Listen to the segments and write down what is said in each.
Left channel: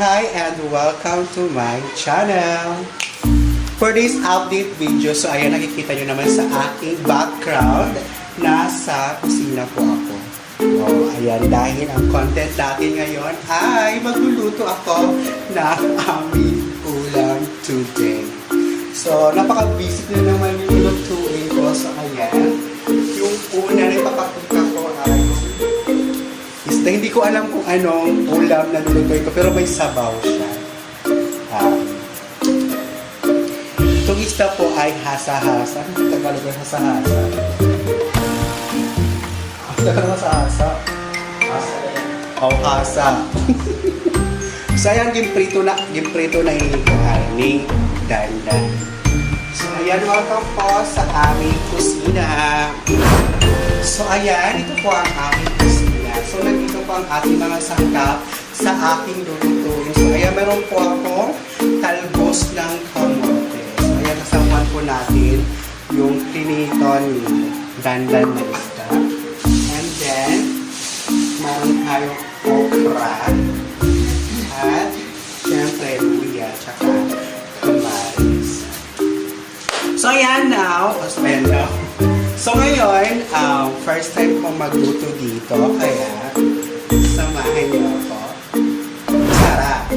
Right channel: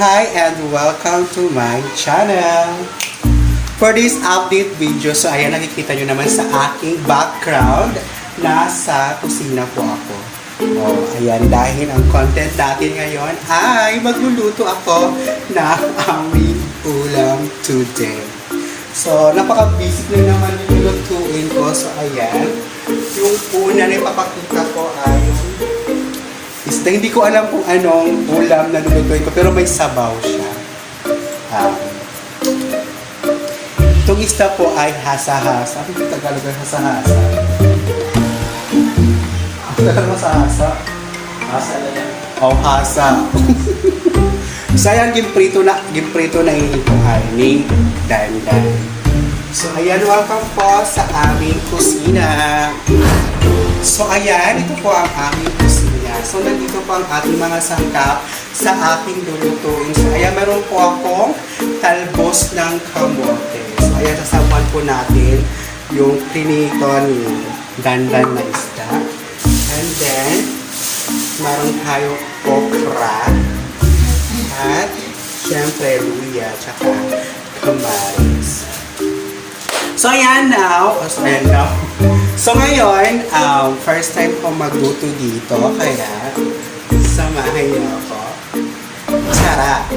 Mabuhay and welcome to my channel. For this update video, so ayan, nakikita nyo naman sa aking background, nasa kusina po ako. Ayan, dahil ang content natin ngayon ay magluluto ako na aming ulam today. So, napaka-busy na naman yung lutuin ko. So, ayan, yung una na ipapakita ko ay isda. Hindi ko alam kung anong ulam na lulutuin ko, pero may sabaw siya. Itong isda po ay hasa-hasa. Ano yung Tagalog ng hasa-hasa? Tagalog hasa-hasa? Hasa na yan. Oh, hasa. So, ayan, ginprito na yung harning. Dan. So, ayan, welcome po sa aming kusina. So, ayan, ito po ang aming kusina. So, nandito po ang ating mga sangkap sa ating lulutuin. So, ayan, meron po akong talbos ng kamote. So, ayan, kasamaan po natin yung prinito ni gandan na isda. And then, meron tayo okra. At, syempre, luya, tsaka kamaris. So, ayan now. So, ngayon, first time ko magluto dito. Kaya, samahan niyo ako. Sarap!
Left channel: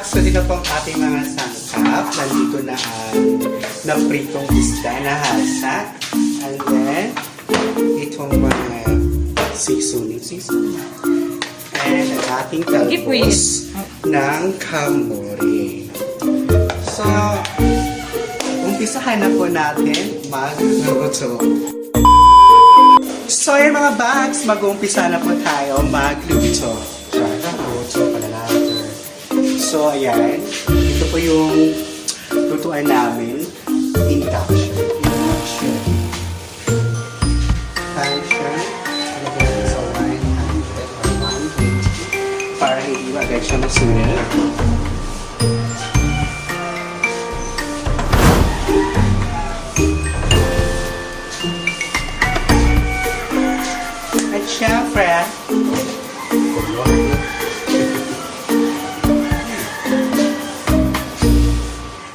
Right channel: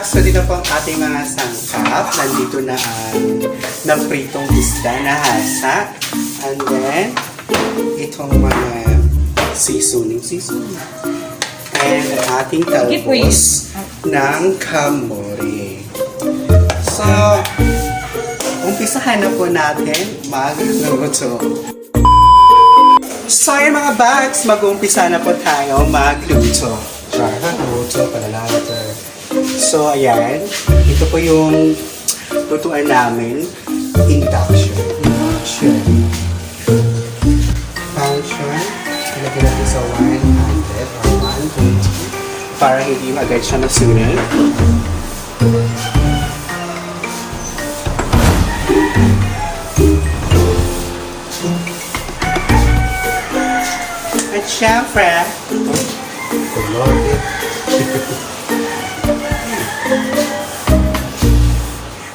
So, dito po ang ating mga sangkap. Nandito na ang pritong isda na hasa. And then, itong mga seasoning. And ang ating talbos ng kamote. So, umpisahan na po natin magluto. So, yan mga bags, mag-umpisa na po tayo magluto. Magluto pala natin. So, ayan. Ito po yung lutuan namin. Induction. Lagyan natin sa 100 or 120 para hindi agad siya masunod. At syempre,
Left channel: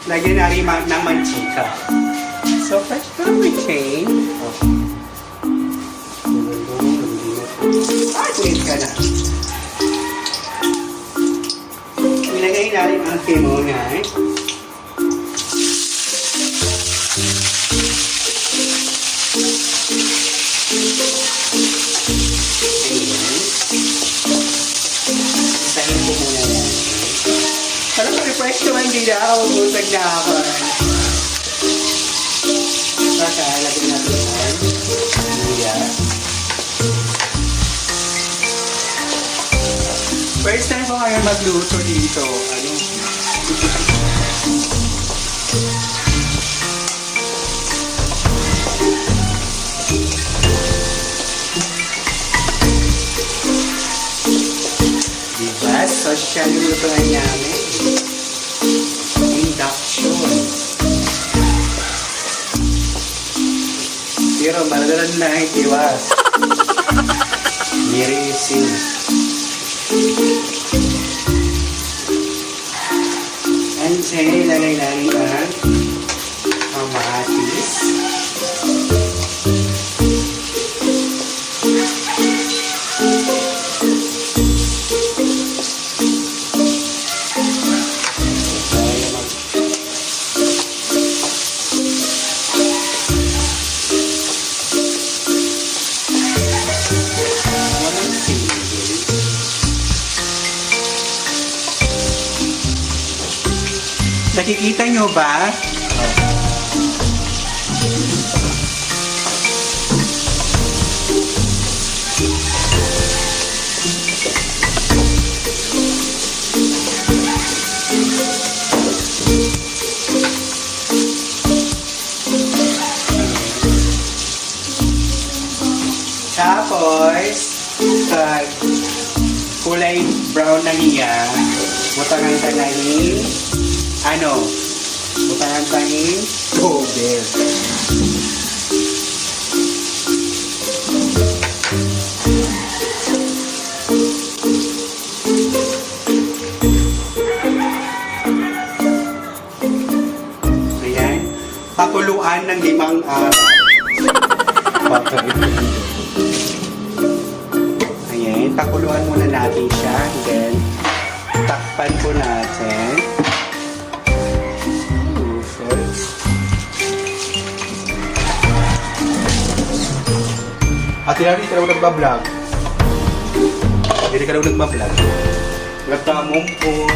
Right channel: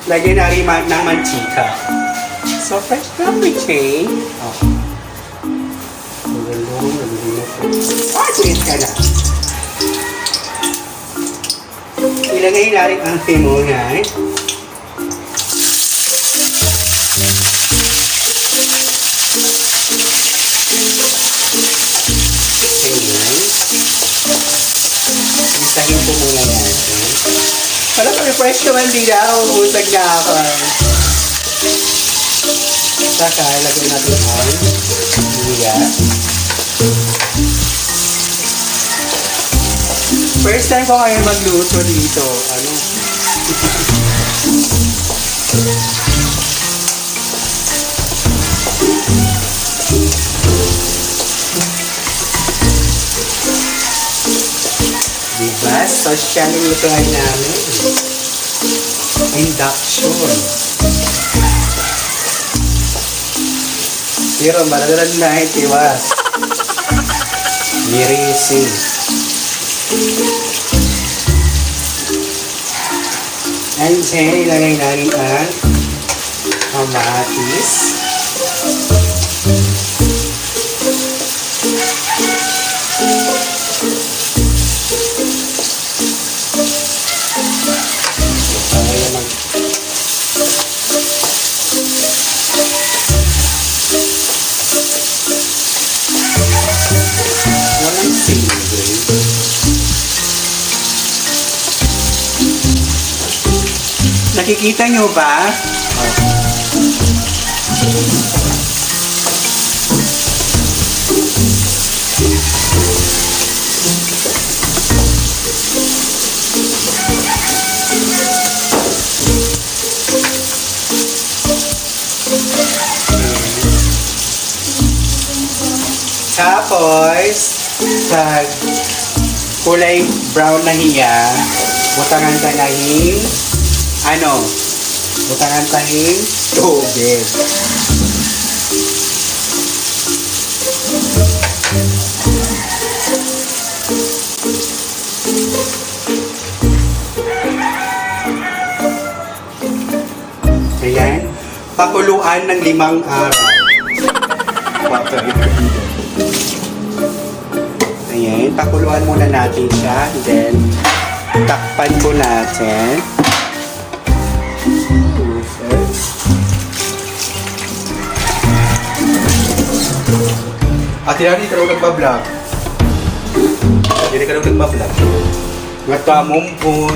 lagyan natin ng mantika. So, fresh from the chain. Kuhin ka na. Ilagay natin ang tinunay. Ganyan. Isahin po muna natin. Parang refresh naman din ako. Usag na ako. Saka, lagyan natin ang luya. First time ko kayo magluto dito. siya lutuan namin. Induction. Pero malalan na itiwas. Mirising. And then, ilagay ang kamatis. Nakikita nyo ba? Tapos, pag kulay brown na hiya, butangan tangangin, butangan tanging tubig. Ayan, pakuluan ng 5 araw. Ayan, pakuluan muna natin siya. Then, takpan po natin. At hindi ka daw nagpa-vlog. Hindi ka daw nagpa-vlog. Matamong po.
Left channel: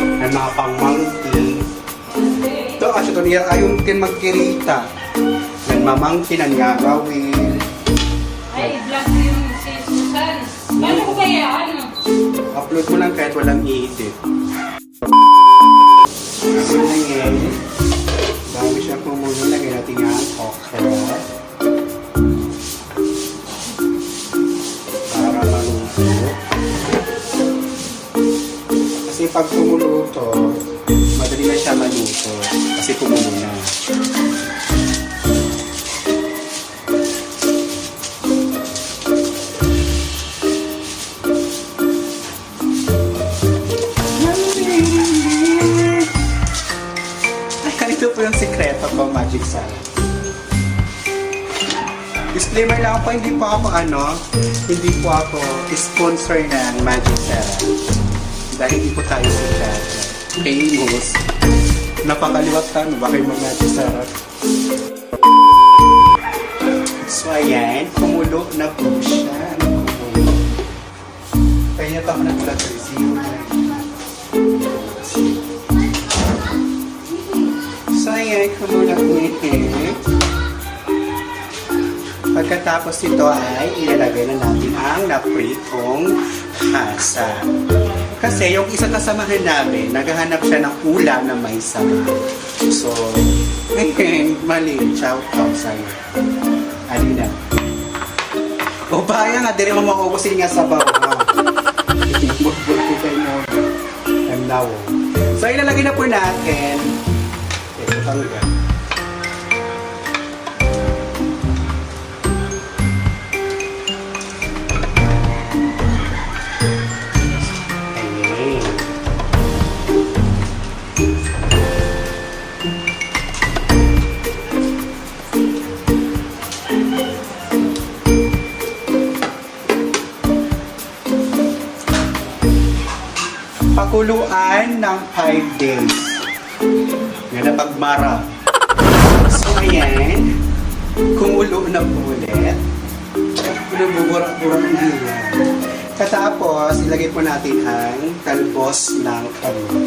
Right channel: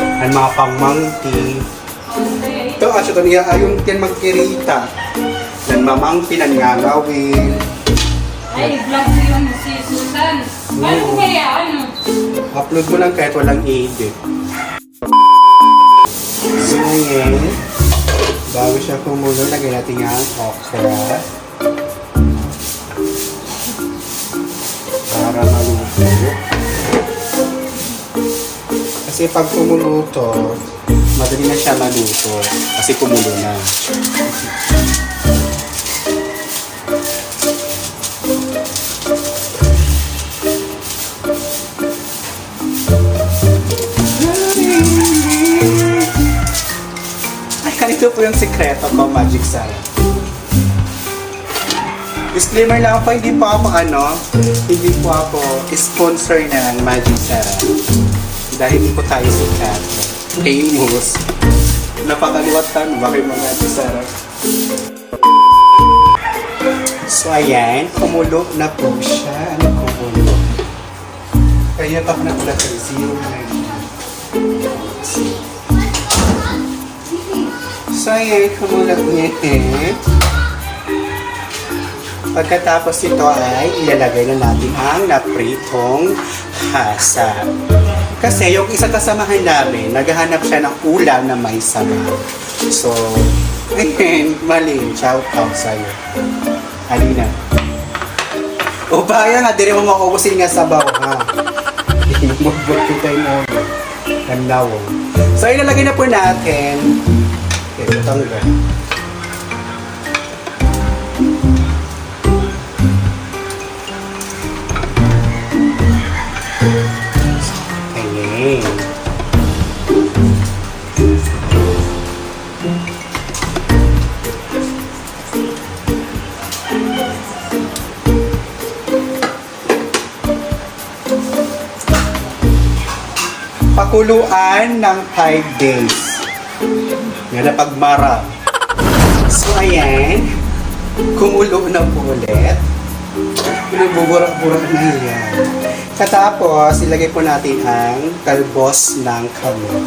Ang mga pangmangki. Ito, ito niya ayong kin magkirita. Ang mamangki ng gagawin. Ay, vlog mo yun si Susan. Paano kaya? Upload mo lang kahit walang edit. So, ngayon, bago siya kumulo, lagay natin nga okra. Para maluto. Kasi pag kumulo to, madali na siya maluto. Kasi kumulo na. Ito po yung sikreto ko, Magic Sarah. Disclaimer lang po, hindi po ako sponsor ng Magic Sarah. Dahil hindi po tayo sa famous. Napakaliwatan, bakit mga Magic Sarah? So ayan, kumulo na po siya. Kumulo. Kaya pa na po natin zero na rin. So, ayan, kumulat niya Pagkatapos ito ay ilalagay na natin ang napritong hasa. Kasi yung isang kasamahan namin, naghahanap siya ng ulam na may sabaw. So, ayan, mali. Shout out sa'yo. Alina. O baya nga, di rin mo mauubusin nga sabaw, ha? Magbuti tayo mo. Nanlawo. So, ilalagay na po natin. Talaga. Okay. Pakuluan ng 5 days. Yan na pagmara. So, ayan. Kumulo na po ulit. Pinagbuburak-burak na yan. Katapos, ilagay po natin ang talbos ng kamot.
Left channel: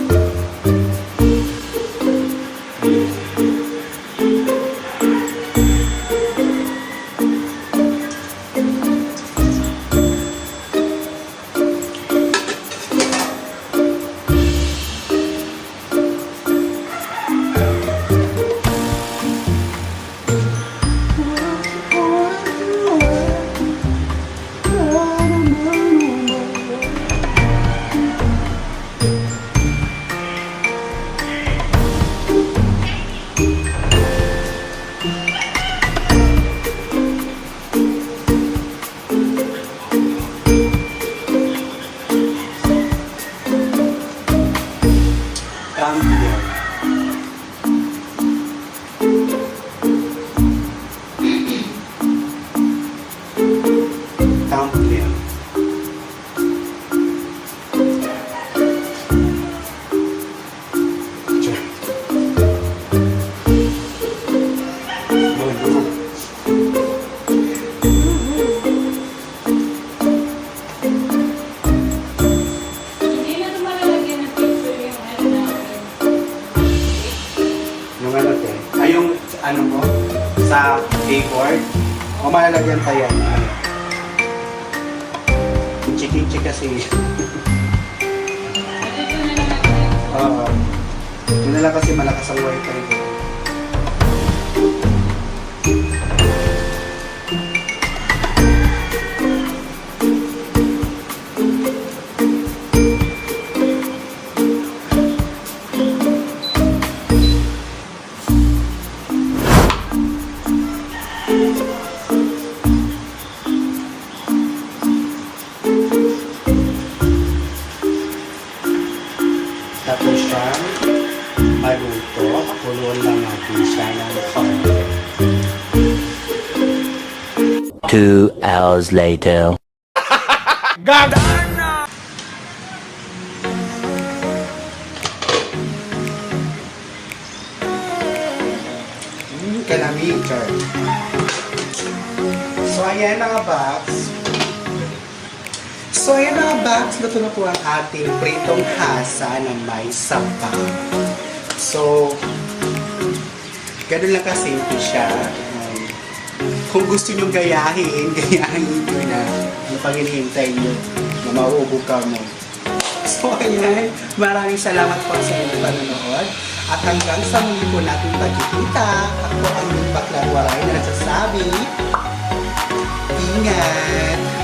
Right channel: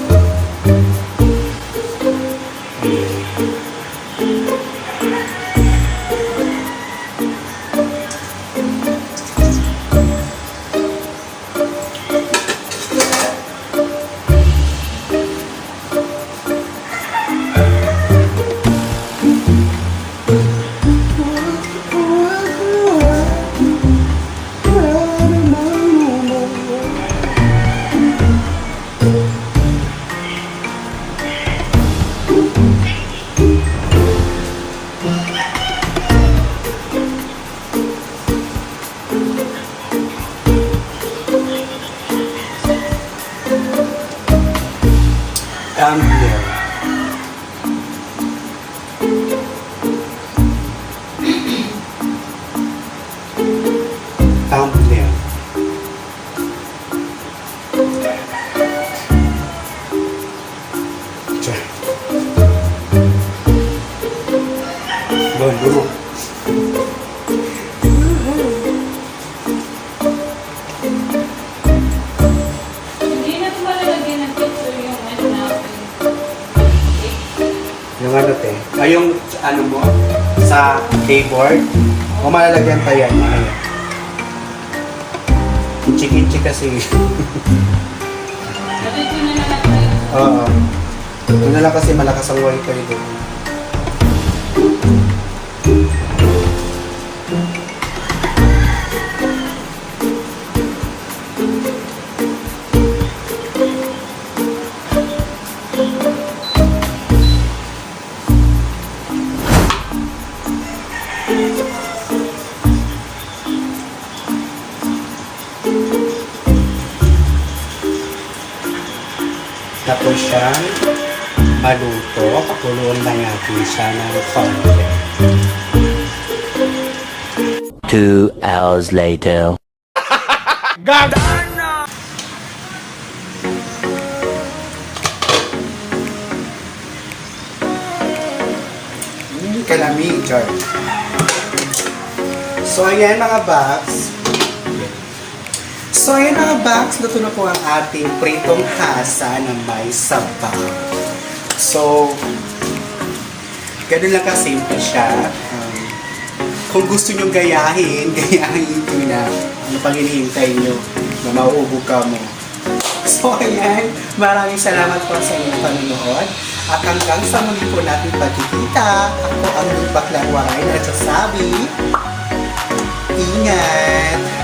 Tumbler. Tumbler. Bolo. Hindi na ito malalagyan ng picture yung ano namin. Yung ano te? Yung ano mo? Sa keyboard? O malalagyan tayo yan. Inchik-inchik kasi. At ito na lang tayo. Oo. Ito na lang kasi malakas ang wifi dito. Tapos siyang maluto, pakuluan na natin siya ng konti. 2 hours later. Kalami, jar. So ayan mga bags. Luto na po ang ating pritong hasa na may sabaw. So, ganun lang kasimple siya. Kung gusto nyo gayahin nyo na ang panginihintay nyo na mauubo ka mo. So ayan, maraming salamat po sa inyong panonood. At hanggang sa muli po natin pagkikita, ako ang Baklang Waray na nagsasabi, ingat!